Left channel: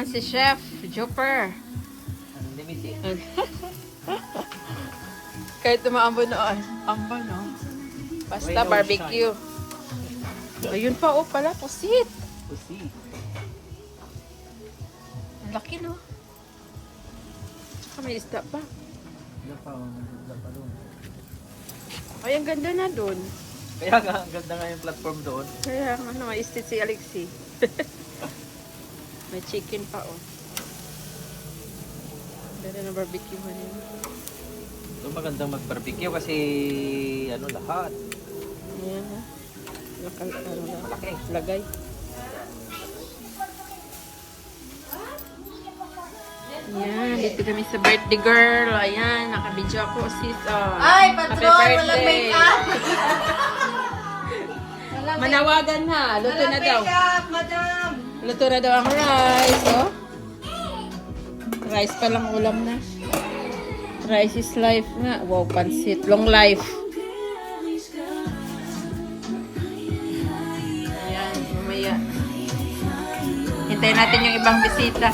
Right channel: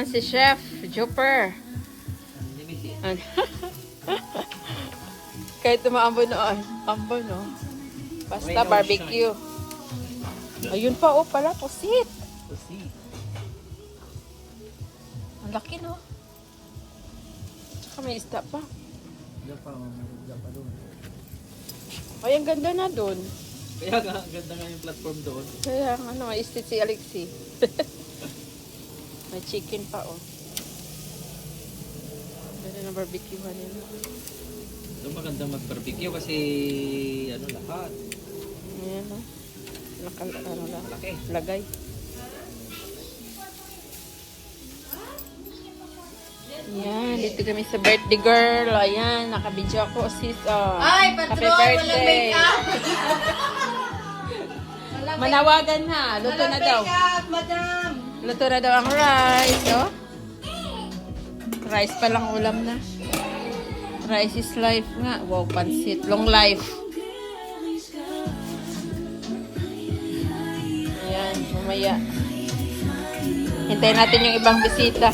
naman si Chef Jupper. Unlimited. Kahit tumaambon na, ambon, no? Basta barbecue. Ayun pa, oh pala, pusit. Pusi. Ang laki, no? Tsaka may isda pa. Diyan pa doon. Ay, ang ganda na dun. Kaya nga, ang ganda nga yung platform doon. Kaya, ano, istit si Alexi. May chicken pa, oh. Pero na barbecue na rin. Ito magandang mag-barbecue kasi ano lahat. Ayan, ha? Malaki. Lagay. Ayan, dito kami sa birthday girl. Ayan, nakabidyo ako sis. Ay, patrol, walang make-up. Manawagan na. Luto na daw. Make-up, madam. Luto na daw ang rice, oh. Rice pa lang ulam na. Rice is life nga. Wow, pansit. Long life. Ayan, mamaya. Hintayin natin yung ibang bisita.